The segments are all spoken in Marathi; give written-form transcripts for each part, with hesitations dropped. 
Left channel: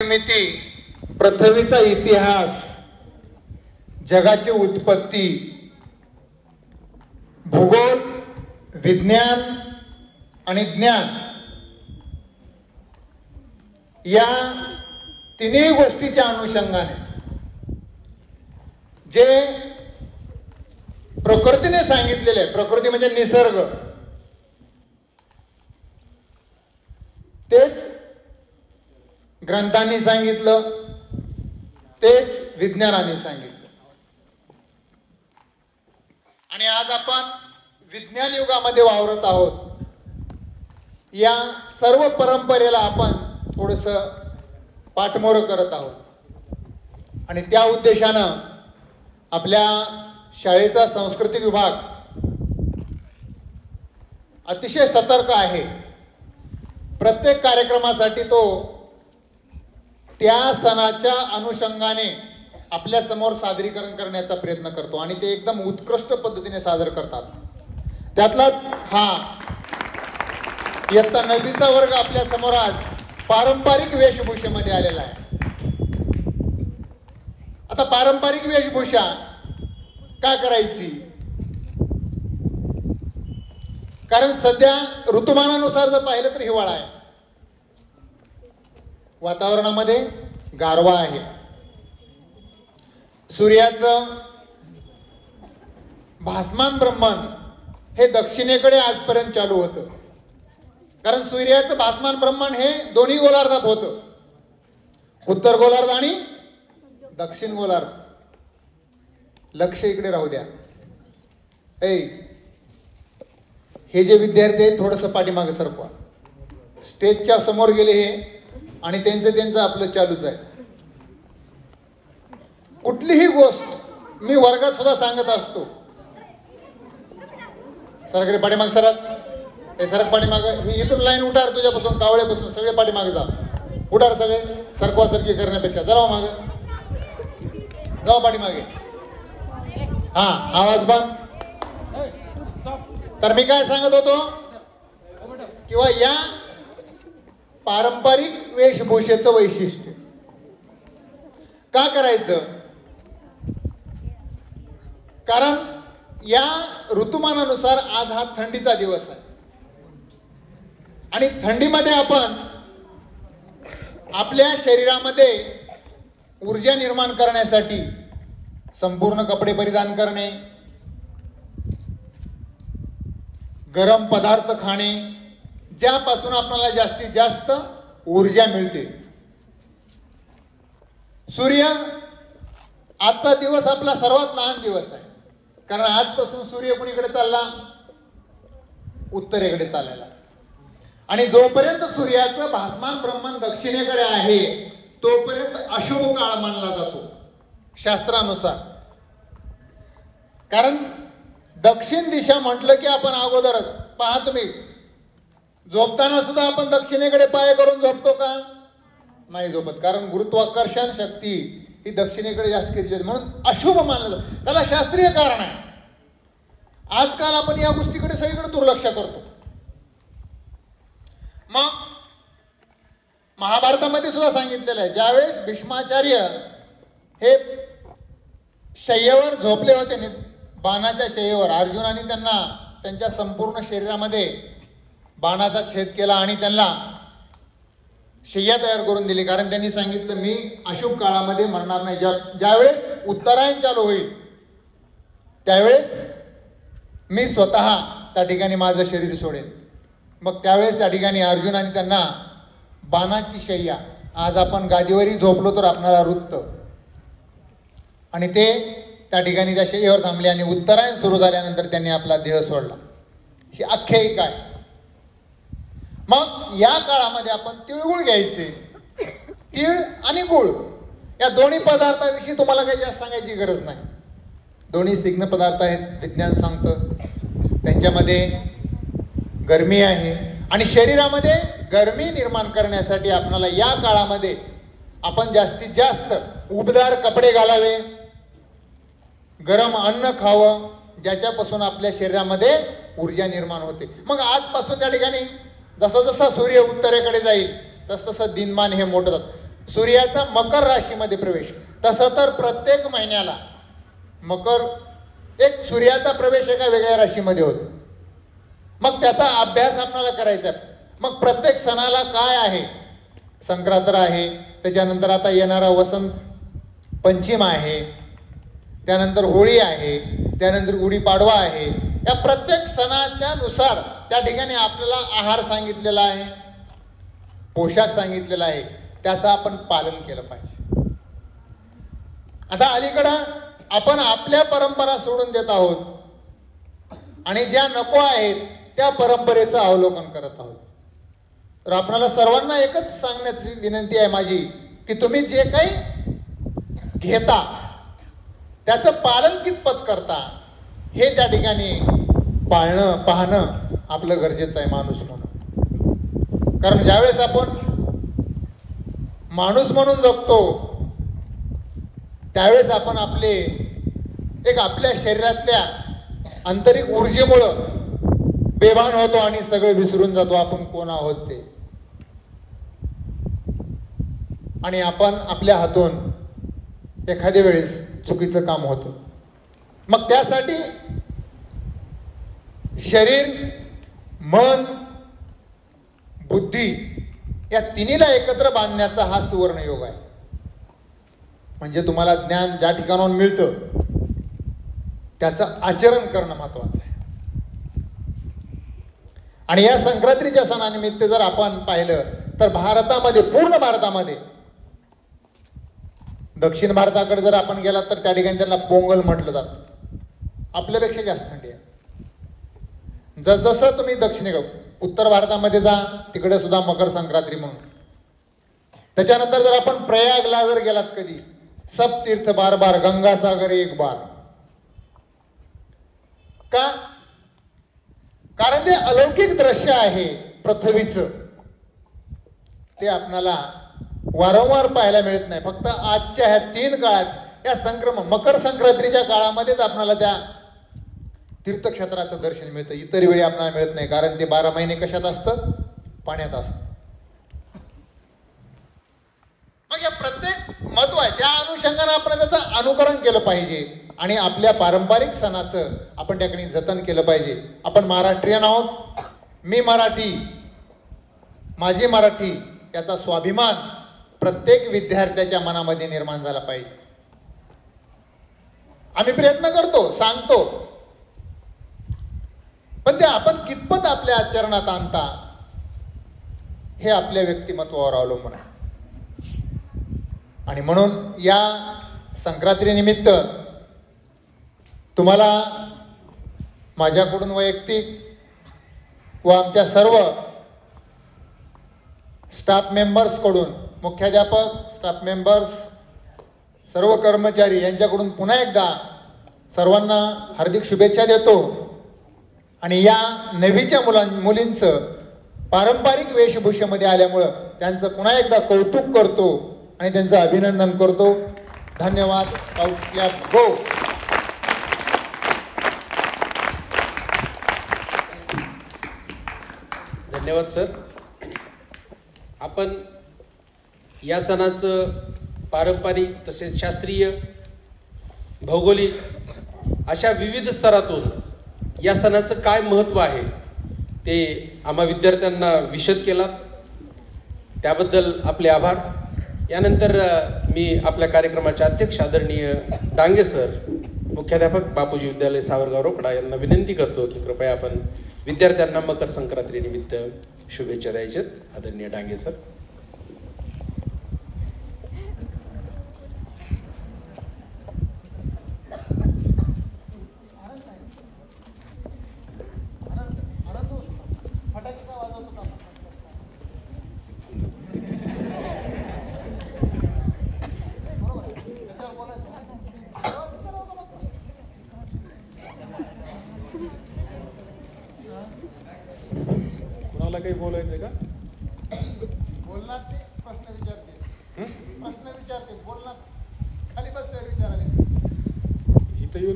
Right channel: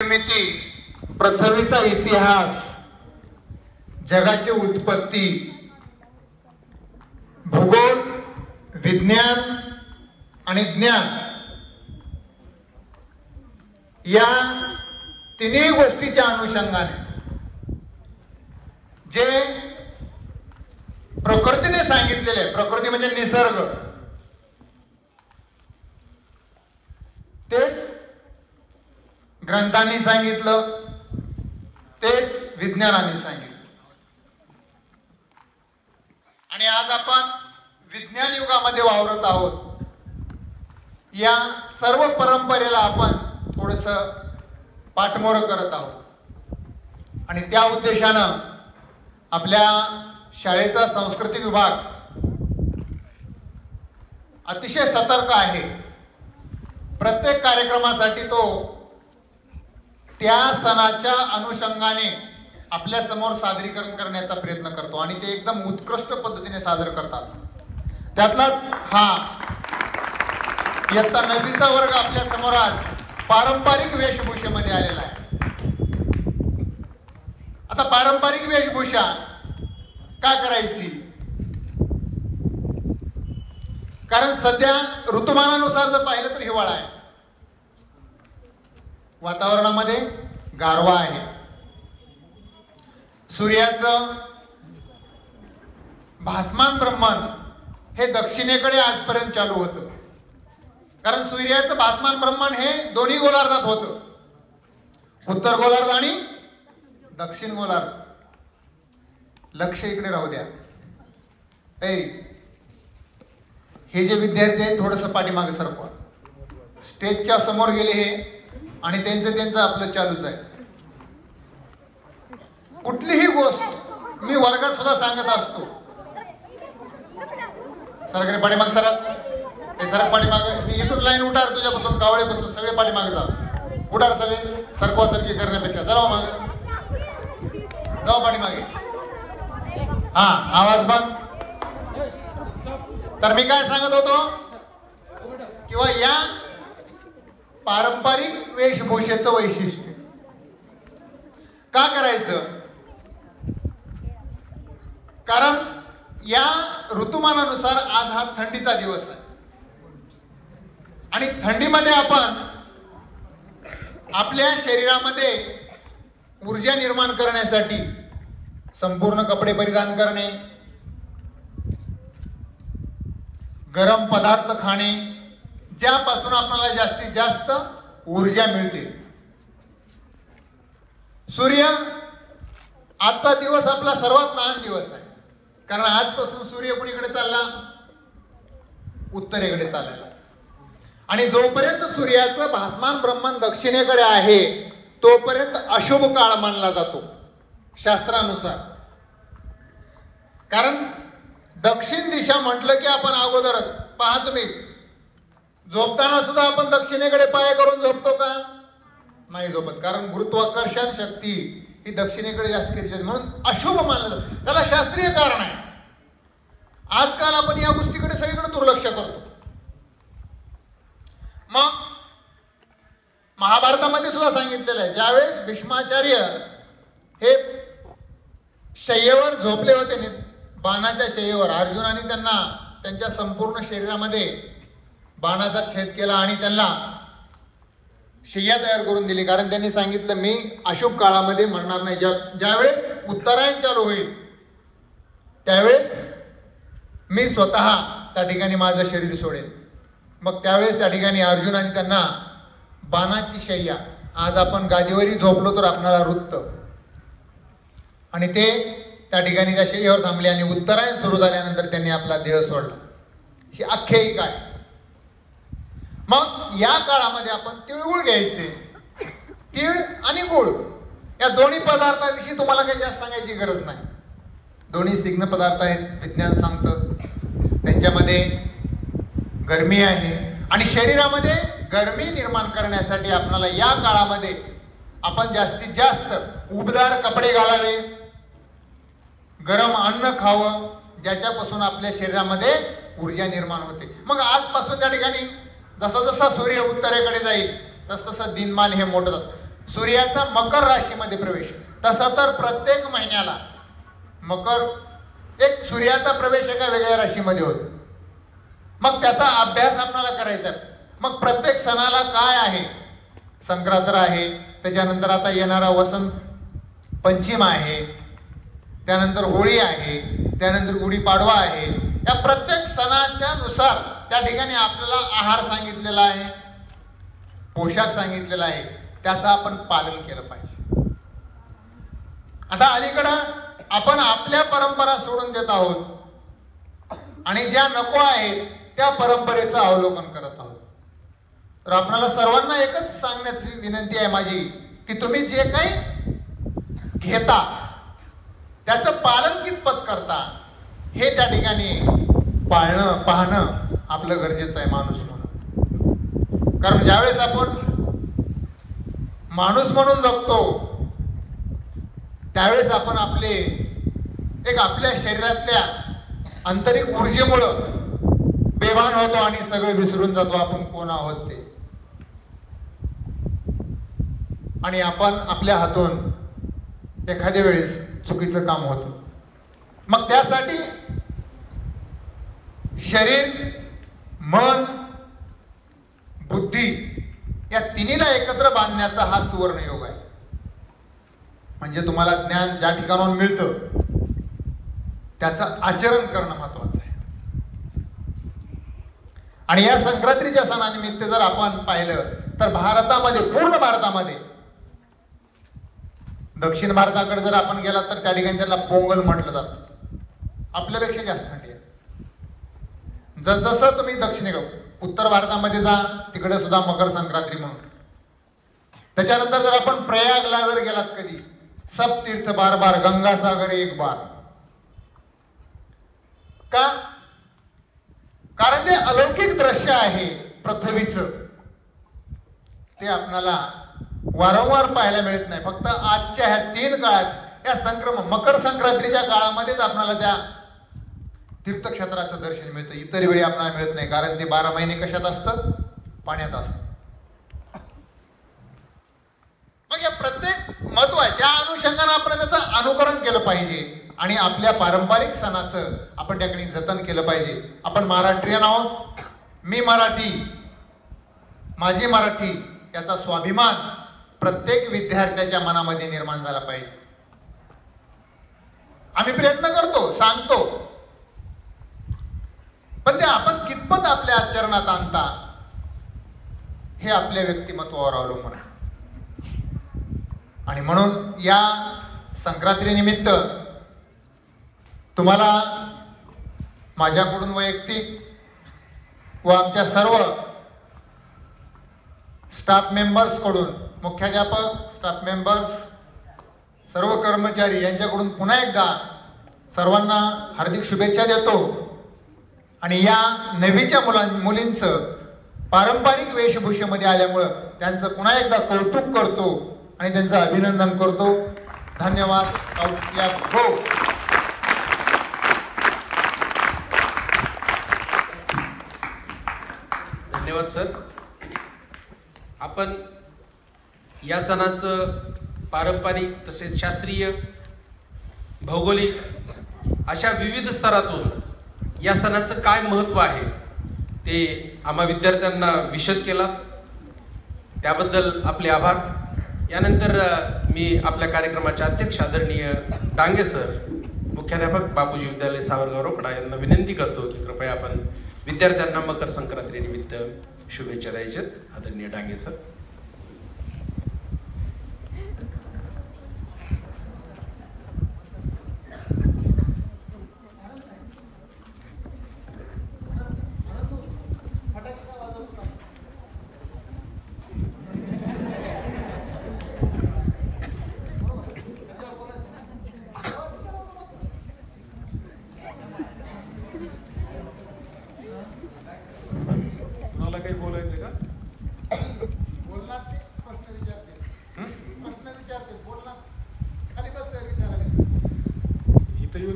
निर्मिती, पृथ्वीचा इतिहास, जगाची उत्पत्ती, भूगोल, विज्ञान आणि ज्ञान या तिन्ही गोष्टीच्या अनुषंगाने जे प्रकृतीने सांगितलेले आहे, प्रकृती म्हणजे निसर्ग, तेच ग्रंथांनी सांगितलं, तेच विज्ञानाने सांगितलं. आणि आज आपण विज्ञान युगामध्ये वावरत आहोत. या सर्व परंपरेला आपण थोडस पाठमोर करत आहोत आणि त्या उद्देशानं आपल्या शाळेचा संस्कृती विभाग अतिशय सतर्क आहे. प्रत्येक कार्यक्रमासाठी तो त्या सणाच्या अनुषंगाने आपल्या समोर सादरीकरण करण्याचा प्रयत्न करतो आणि ते एकदम उत्कृष्ट पद्धतीने सादर करतात. त्यातलाच हा इयत्ता 9वीचा वर्ग आपल्या समोर आज पारंपरिक वेशभूषेमध्ये आलेला आहे. आता पारंपरिक वेशभूषा का करायची? कारण सध्या ऋतुमानानुसार जर पाहिलं तर हिवाळा आहे, वातावरणामध्ये गारवा आहे, सूर्याचं भासमान ब्रह्मांड हे दक्षिणेकडे आजपर्यंत चालू होतं. कारण सूर्याचं भासमान ब्रह्मांड हे दोन्ही गोलार्धात होतं, उत्तर गोलार्ध आणि दक्षिण गोलार्ध. लक्ष इकडे राहू द्या. हे जे विद्यार्थी आहेत थोडस पाठीमागे सरकवा. स्टेजच्या समोर गेले हे आणि त्यांचं आपलं चालूच आहे. कुठलीही गोष्ट मी वर्गात सुद्धा सांगत असतो. सराकडे पाठीमाग सरक, हे सरक पाठीमागे. मी इथून लाईन उठार, तुझ्यापासून कावळ्यापासून सगळे पाठीमागे जा. उठार सगळे, सरकवा सरकी करण्यापेक्षा जावा मागे, जाऊ पाठीमागे. हा, आवाज बंद. तर मी काय सांगत होतो किंवा या पारंपरिक वेशभूषेचं वैशिष्ट्य का करायचं? कारण या ऋतुमानानुसार आज हा थंडीचा दिवस आहे आणि थंडीमध्ये आपण आपल्या शरीरामध्ये ऊर्जा निर्माण करण्यासाठी संपूर्ण कपडे परिधान करणे, गरम पदार्थ खाणे, ज्यापासून आपल्याला जास्तीत जास्त ऊर्जा मिळते. सूर्य, आजचा दिवस आपला सर्वात लहान दिवस आहे. कारण आजपासून सूर्य कुणीकडे चालला? उत्तरेकडे चाललेला. आणि जोपर्यंत सूर्याचं भासमान ब्रह्मांड दक्षिणेकडे आहे तोपर्यंत अशुभ काळ मानला जातो शास्त्रानुसार. कारण दक्षिण दिशा म्हटलं की आपण अगोदरच पहा, तुम्ही झोपताना सुद्धा आपण दक्षिणेकडे पाय करून झोपतो का? नाही झोपत. कारण गुरुत्वाकर्षण शक्ती ही दक्षिणेकडे जास्त केली जाते, म्हणून अशुभ मानलं जातं. त्याला शास्त्रीय कारण आहे. आजकाल आपण या गोष्टीकडे सगळीकडे दुर्लक्ष करतो. मग महाभारतामध्ये सुद्धा सांगितलेलं आहे, ज्यावेळेस भीष्माचार्य हे शय्येवर झोपले होते, बाणाच्या शय्येवर, अर्जुनाने त्यांना त्यांच्या संपूर्ण शरीरामध्ये बाणाचा छेद केला आणि त्यांना शय्या तयार करून दिली. कारण त्यांनी सांगितलं, मी अशुभ काळामध्ये मरणार नाही. ज्यावेळेस उत्तरायण चालू होईल त्यावेळेस मी स्वतः त्या ठिकाणी माझं शरीर सोडेल. मग त्यावेळेस त्या ठिकाणी अर्जुनाने त्यांना बाणाची शय्या, आज आपण गादीवरही झोपलो तर आपणाला रुतत, आणि ते त्या ठिकाणी त्या शय्येवर थांबले आणि उत्तरायण सुरू झाल्यानंतर त्यांनी आपला देह सोडला. ही आख्यायिका आहे. मग या काळामध्ये आपण तिळगुळ घ्यायचे. तीळ आणि गुळ या दोन्ही पदार्थाविषयी तुम्हाला काही जास्त सांगायची गरज नाही. दोन्ही स्निग्ध पदार्थ आहेत, विज्ञान सांगतं. त्यांच्यामध्ये गरमी आहे आणि शरीरामध्ये गरमी निर्माण करण्यासाठी आपल्याला या काळामध्ये आपण जास्तीत जास्त उबदार कपडे घालावे, गरम अन्न खावं, ज्याच्यापासून आपल्या शरीरामध्ये ऊर्जा निर्माण होते. मग आजपासून त्या ठिकाणी जसं जसं सूर्य उत्तरेकडे जाईल तस तसं दिनमान हे मोठं जातं. सूर्याचा मकर राशीमध्ये प्रवेश. तसं तर प्रत्येक महिन्याला मकर एक सूर्याचा प्रवेश एका वेगळ्या राशीमध्ये होतो. मग त्याचा अभ्यास आपल्याला करायचा. मग प्रत्येक सणाला काय आहे, संक्रांत आहे, त्याच्यानंतर आता येणारा वसंत पंचम आहे, त्यानंतर होळी आहे, त्यानंतर गुढीपाडवा आहे. या प्रत्येक सणाच्या नुसार त्या ठिकाणी आपल्याला आहार सांगितलेला आहे, पोशाख सांगितलेला आहे, त्याचं आपण पालन केलं पाहिजे. आता अलीकडं आपण आपल्या परंपरा सोडून देत आहोत आणि ज्या नको आहेत त्या परंपरेचं अवलोकन करत आहोत. तर आपल्याला सर्वांना एकच सांगण्याची विनंती आहे माझी की तुम्ही जे काही घेता त्याचं पालन कितपत करता हे त्या ठिकाणी पाहणं आपलं गरजेचं आहे माणूस म्हणून. कारण ज्यावेळेस आपण माणूस म्हणून जगतो त्यावेळेस आपण आपल्या शरीरातल्या आंतरिक ऊर्जेमुळं बेभान होतो आणि सगळे विसरून जातो आपण कोण आहोत ते. आणि आपण आपल्या हातून एखाद्या वेळेस चुकीचं काम होतं. मग त्यासाठी शरीर, मन, बुद्धी या तिन्हीला एकत्र बांधण्याचा हा सुवर्ण योग आहे. म्हणजे तुम्हाला ज्ञान ज्या ठिकाणाहून मिळतं त्याचं आचरण करणं महत्वाचं आहे. आणि या संक्रांतीच्या सणानिमित्त जर आपण पाहिलं तर भारतामध्ये, पूर्ण भारतामध्ये, दक्षिण भारताकडे जर आपण गेलात तर त्या ठिकाणी त्याला पोंगल म्हटलं जातं. आपल्यापेक्षा जास्त थंडी आहे. जसं तुम्ही उत्तर भारतामध्ये जा तिकडे सुद्धा मकर संक्रांती म्हणून. त्याच्यानंतर जर आपण प्रयागला जर गेलात कधी, सब तीर्थ बार बार, गंगा सागर एक बार. का? कारण ते अलौकिक दृश्य आहे पृथ्वीचं, ते आपल्याला वारंवार पाहायला मिळत नाही. फक्त आजच्या ह्या 3 काळात, या मकर संक्रांतीच्या काळामध्येच आपल्याला त्या तीर्थक्षेत्राचं दर्शन मिळतं. इतर वेळी आपल्याला मिळत नाही. कारण ते 12 महिने कशात असतं? पाण्यात असतं. मग या प्रत्येक महत्व आहे. त्या अनुषंगाने आपण त्याचं अनुकरण केलं पाहिजे आणि आपल्या पारंपरिक सणाचं आपण त्याकडे जतन केलं पाहिजे. आपण महाराष्ट्रीयन आहोत. मी मराठी, माझी मराठी याचा स्वाभिमान प्रत्येक विद्यार्थ्याच्या मनामध्ये निर्माण झाला पाहिजे. आम्ही प्रयत्न करतो, सांगतो, पण ते आपण कितपत आपल्या आचरणात आणता हे आपल्या व्यक्तिमत्वावर अवलंबून आहे. आणि म्हणून या संक्रांतीनिमित्त तुम्हाला माझ्याकडून वैयक्तिक व आमच्या सर्व स्टाफ मेंबर्स कडून, मुख्याध्यापक, स्टाफ मेंबर्स, सर्व कर्मचारी यांच्याकडून पुन्हा एकदा सर्वांना हार्दिक शुभेच्छा देतो. आणि या नवीच्या मुलींचं पारंपरिक वेशभूषेमध्ये आल्यामुळं त्यांचं पुन्हा एकदा कौतुक करतो आणि त्यांचं अभिनंदन करतो. धन्यवाद. गो. धन्यवाद सर. आपण या सणाचं पारंपरिक तसेच शास्त्रीय, भौगोलिक अशा विविध स्तरातून या सणाचं काय महत्व आहे ते आम्हा विद्यार्थ्यांना विशद केला. त्याबद्दल आपले आभार. यानंतर मी आपल्या कार्यक्रमाचे अध्यक्ष आदरणीय डांगे सर, मुख्याध्यापक बापूजी विद्यालय सावरगाव रोकडा यांना विनंती करतो की कृपया आपण विद्यार्थ्यांना मकर संक्रांती निमित्त शुभेच्छा द्यायच्या. आदरणीय डांगे सर.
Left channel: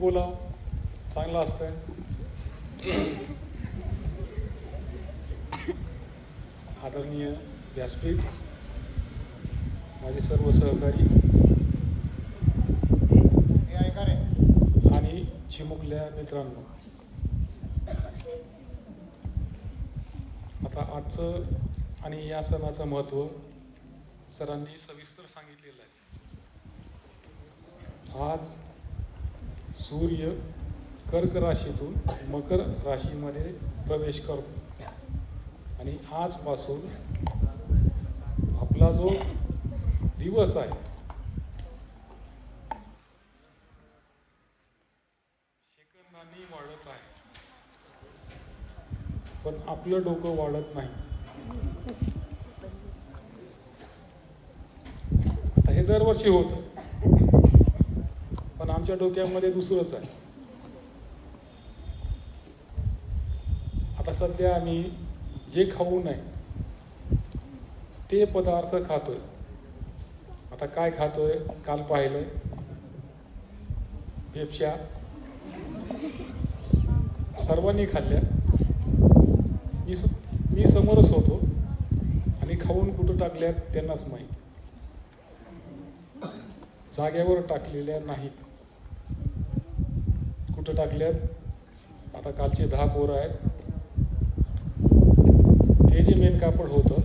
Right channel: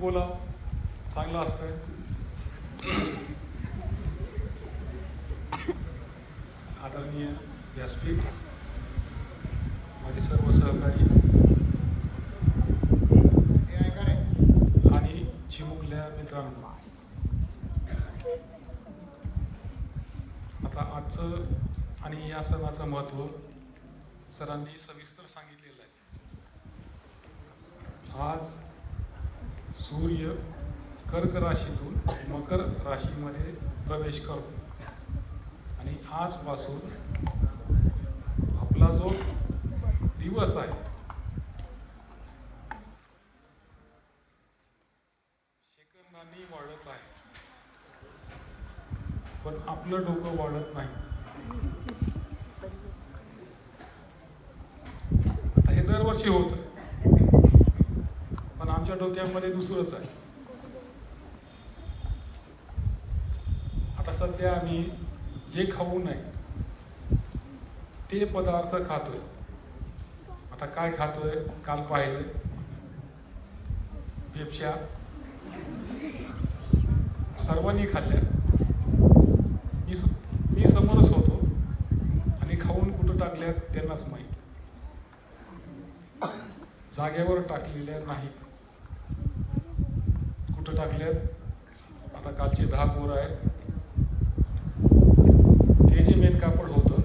बोला, चांगलं असतंय. आदरणीय व्यासपीठ, माझे सर्व सहकारी हे ऐका रे. आणि चिमुकल्या मित्रांनो, आता आजचं आणि या सणाचं महत्त्व सरांनी सविस्तर सांगितलेलं आहे. आज सूर्य कर्क राशीतून मकर राशीमध्ये प्रवेश करतो आणि आजपासून आपला जो दिवस आहे सेकंदांनी वाढत आहे, पण आपलं डोकं वाढत नाही. आता हे दरवर्षी होतं, पण आमच्या डोक्यामध्ये दुसरंच आहे. आता सध्या आम्ही जे खाऊ नये ते पदार्थ खातोय. आता काय खातोय? काल पाहिलं पेप्स्या सर्वांनी खाल्ल्या. मी समोरच होतो आणि खाऊन कुठं टाकल्या त्यांनाच माहीत. जागेवर टाकलेल्या नाही, कुठं टाकल्यात. आता कालचे 10 पोरं आहेत, ते जे मेन कापड होतं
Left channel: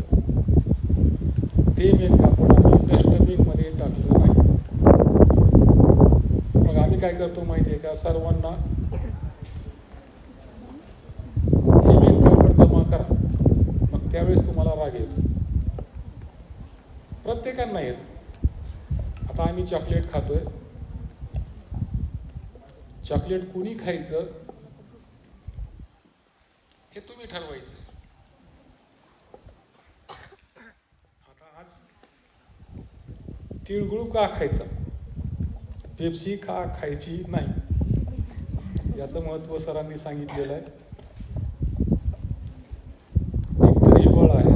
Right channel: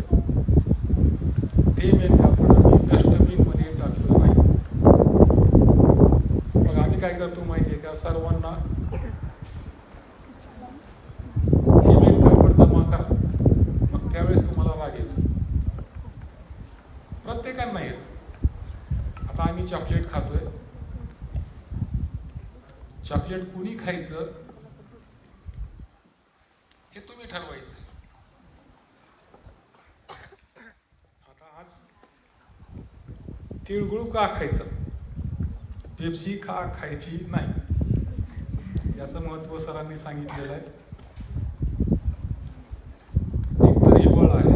ते मेन कापड आम्ही डस्टबिनमध्ये टाकलं नाही. मग आम्ही काय करतो माहिती आहे का? सर्वांना हे मेन कापड जमा करा, मग त्यावेळेस तुम्हाला राग येतो. प्रत्येकांना येतो. आता आम्ही चॉकलेट खातोय. चॉकलेट कुणी खायचं हे तुम्ही ठरवायचं. आता आज तिळगुळ का खायचं, पेप्सी का खायची नाही, याचं महत्त्व सरांनी सांगितलेलं आहे. एकतर हे बळ आहे,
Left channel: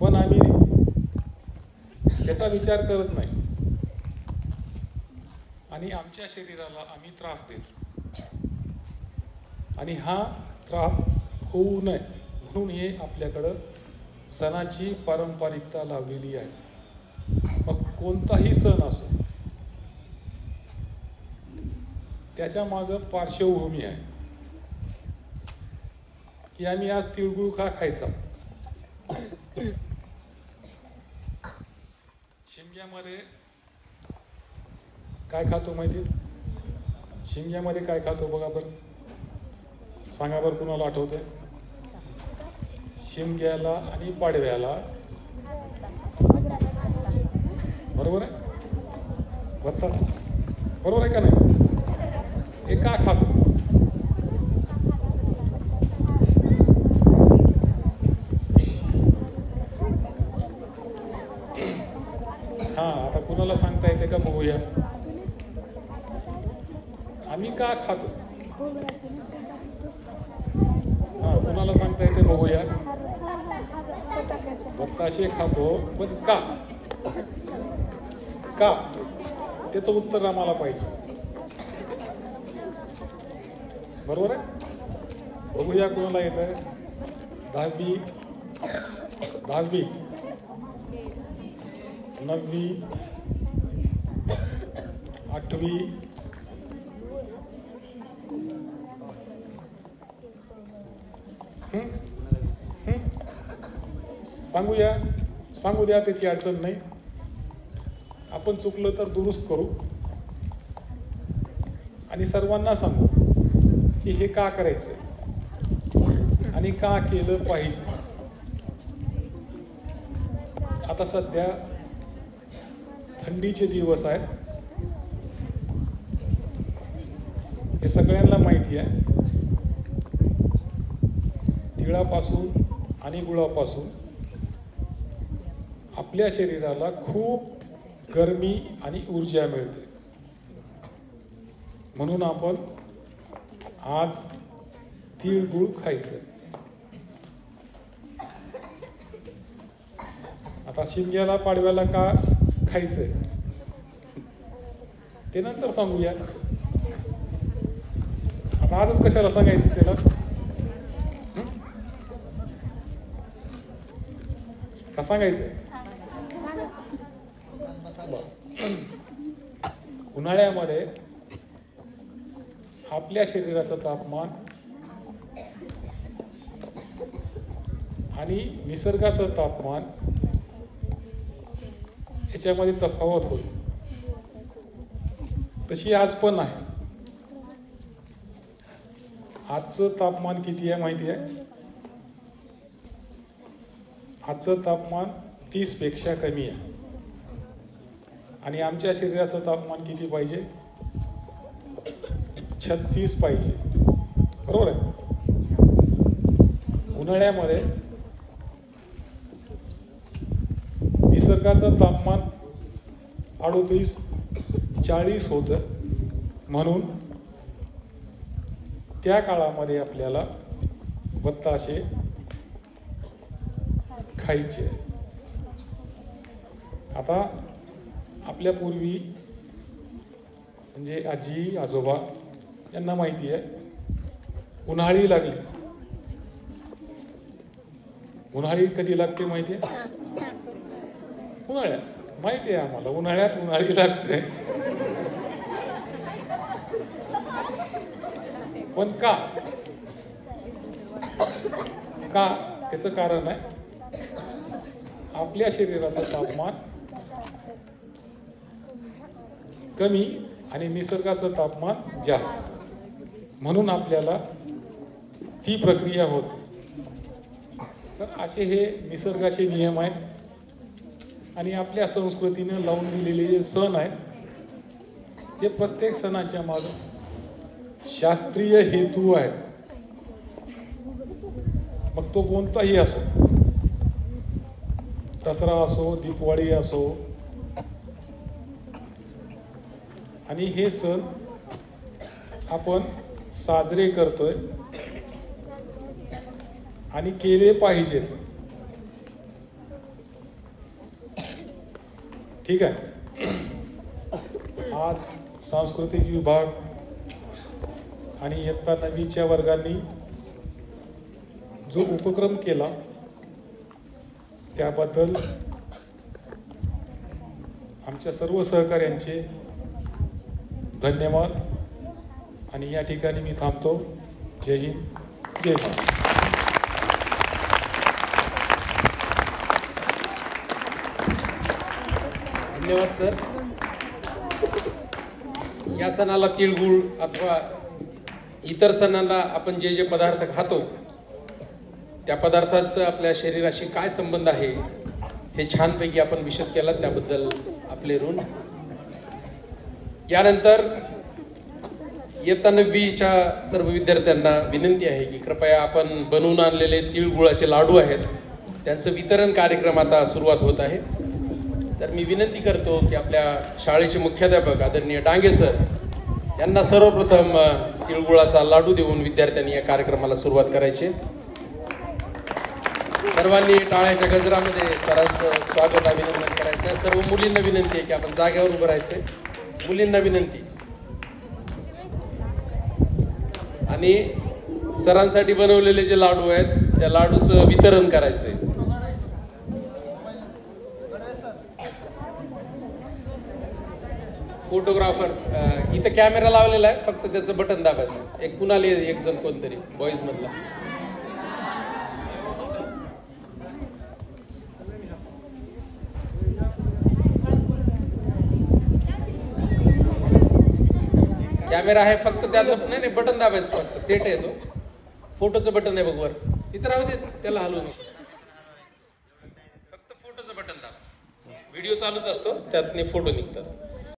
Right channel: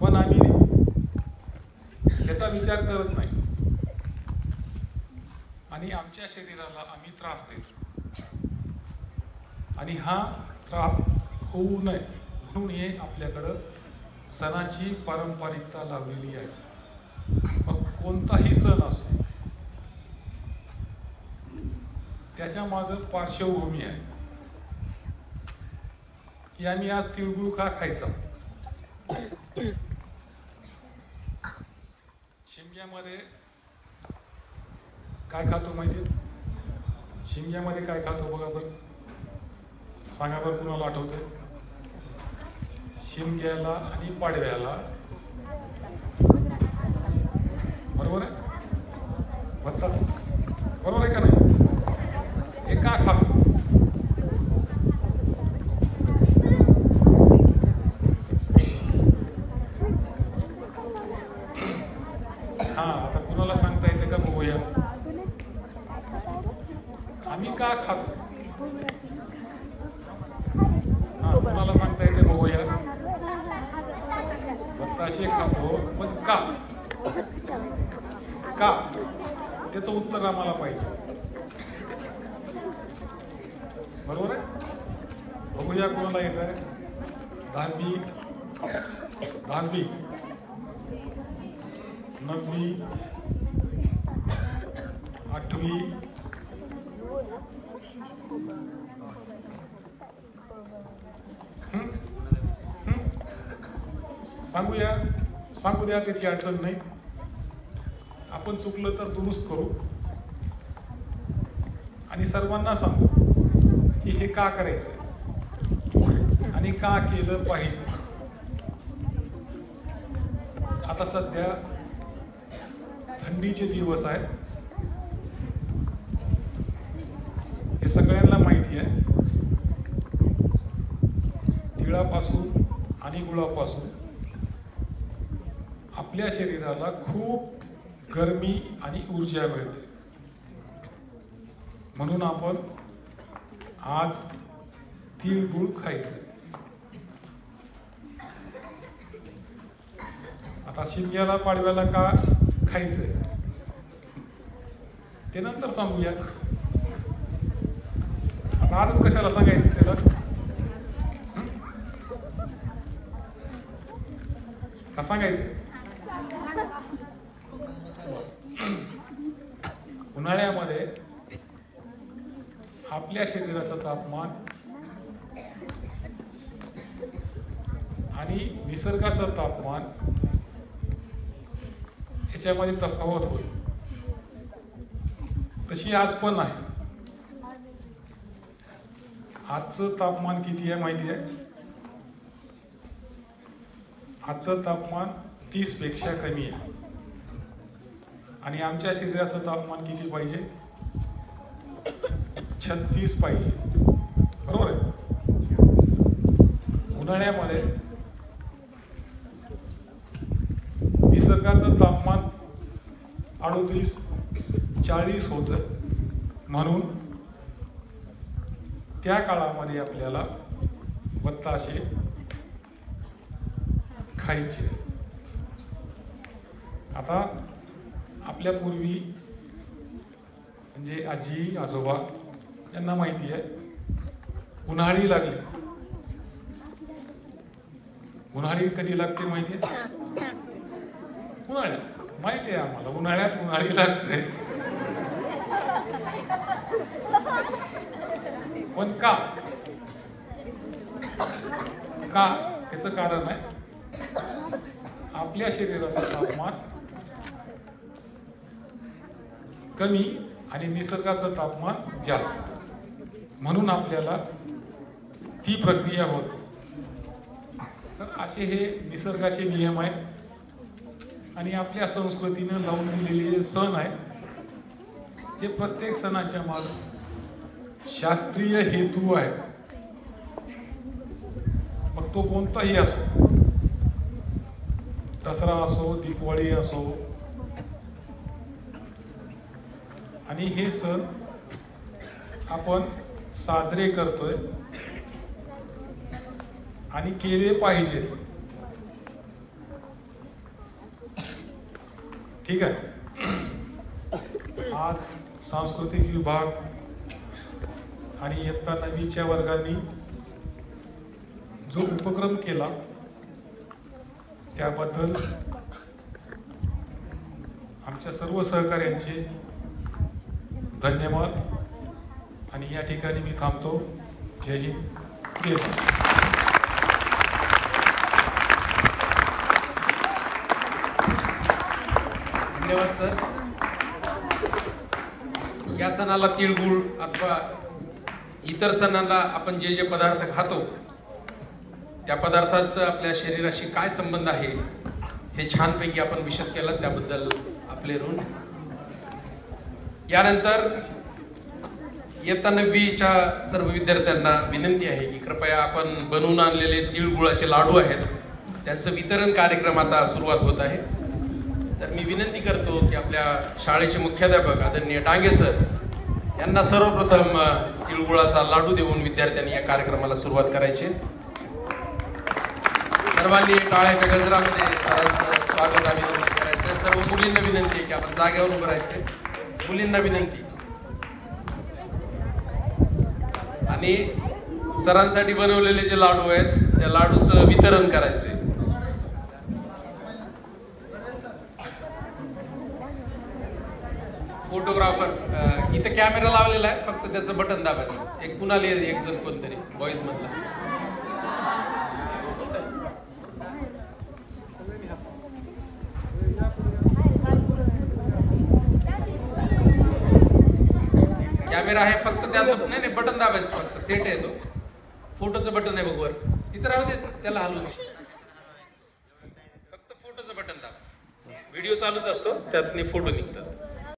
पण आम्ही त्याचा विचार करत नाही आणि आमच्या शरीराला आम्ही त्रास देतो. आणि हा त्रास होऊ नये म्हणून हे आपल्याकडं सणाची पारंपरिकता लावलेली आहे. मग कोणताही सण असो, त्याच्या मागं पार्श्वभूमी आहे की आम्ही आज तिळगुळ का खायचा. शिमग्यामध्ये काय खातो माहिती? शिमग्यामध्ये काय खातो बघा बरं, सांगा बरं, कुणाला आठवतंय? शिमग्याला आणि पाडव्याला, बरोबर आहे? बरोबर आहे का नाही? हे का खातो? हा, आता कुणाला सांगता येते का बघूया. आम्ही का खातो? तुम्हाला सांगता येते बघूया. बताशे खातो, पण का? का? त्याचं उत्तर आम्हाला पाहिजे. बरोबर आहे? बघूया कोणाला येत आहे. 10वी 9वी 8वी सांगू द्या, त्याची अडचण नाही. आपण चुकलं तर दुरुस्त करू आणि सर्वांना सांगू की हे का करायचं आणि का केलं पाहिजे. आता सध्या थंडीचे दिवस आहेत, हे सगळ्यांना माहिती आहे. तिळापासून आणि गुळापासून आपल्या शरीराला खूप गरमी आणि ऊर्जा मिळते. म्हणून आपण आज तिळगुळ खायचं. आता शिमग्याला पाडव्याला का खायचंय ते नंतर सांगूया. आता आजच कशाला सांगायचं त्याला? का सांगायचं? उन्हाळ्यामध्ये आपल्या शरीराचं तापमान आणि निसर्गाचं तापमान याच्यामध्ये तफावत होईल. तशी आज पण आहे. आजचं तापमान किती आहे माहिती आहे? आजचं तापमान 30 पेक्षा कमी आहे. आणि आमच्या शरीराचं तापमान किती पाहिजे? 36 पाहिजे. बरोबर आहे? उन्हाळ्यामध्ये निसर्गाचं तापमान 38-40 होतं. म्हणून त्या काळामध्ये आपल्याला बत्ताशे खायचे. आता आपल्या पूर्वी म्हणजे आजी आजोबा यांना माहिती आहे उन्हाळी लागली. उन्हाळी कधी लागते माहिती आहे? उन्हाळ्यात. माहिती आहे आम्हाला उन्हाळ्यात उन्हाळी लागते. पण का त्याचं कारण आहे आपल्या शरीराचं तापमान कमी आणि निसर्गाचं तापमान जास्त. म्हणून आपल्याला ती प्रक्रिया होते. तर असे हे निसर्गाचे नियम आहेत. आणि आपल्या संस्कृतीने लावून दिलेले जे सण आहेत ते प्रत्येक सणाच्या मागे शास्त्रीय हेतू आहे. मग तो कोणताही असो, दसरा असो, दीपावली असो. आणि हे सण आपण साजरे करतोय आणि केले पाहिजे. ठीक आहे. आज सांस्कृतिक विभाग आणि इयत्ता 9वीच्या वर्गांनी जो उपक्रम केला त्याबद्दल आमच्या सर्व सहकाऱ्यांचे धन्यवाद. आणि या ठिकाणी मी थांबतो. जय हिंद, जय भारत. धन्यवाद सर. या सणाला तिळगुळ अथवा इतर सणांना आपण जे जे पदार्थ खातो त्या पदार्थांचा आपल्या शरीराशी काय संबंध आहे हे छानपैकी आपण विशद केला, त्याबद्दल आपले ऋण. यानंतर इयत्ता 9वीच्या सर्व विद्यार्थ्यांना विनंती आहे की कृपया आपण बनवून आणलेले तिळगुळाचे लाडू आहेत त्यांचं वितरण कार्यक्रम आता सुरुवात होत आहे. तर मी विनंती करतो की आपल्या शाळेचे मुख्याध्यापक आदरणीय डांगे सर यांना सर्वप्रथम तिळगुळाचा लाडू देऊन विद्यार्थ्यांनी या कार्यक्रमाला सुरुवात करायची. सर्वांनी टाळ्याच्या गजरामध्ये सरांचं स्वागत अभिनंदन करायचं. सर्व मुलींना विनंती आहे की आपण जागेवर उभं राहायचे. मुलींना विनंती. आणि सरांसाठी बनवलेले जे लाडू आहेत त्या लाडूचं वितरण करायचंय. फोटोग्राफर इथं कॅमेरा लावलेला आहे, फक्त त्याचं बटन दाबायचं. एक कुणाला एक जण कोणतरी बॉईज मधला. कॅमेरा आहे फक्त त्यात नाही बटन दाबायचं, फक्त सेट आहे तो. फोटोचं बटन आहे बघ वर, तिथं राहू दे, त्याला हलवू फक्त फोटोचं बटन दाब. व्हिडिओ चालूच असतो त्यात फोटो निघतात.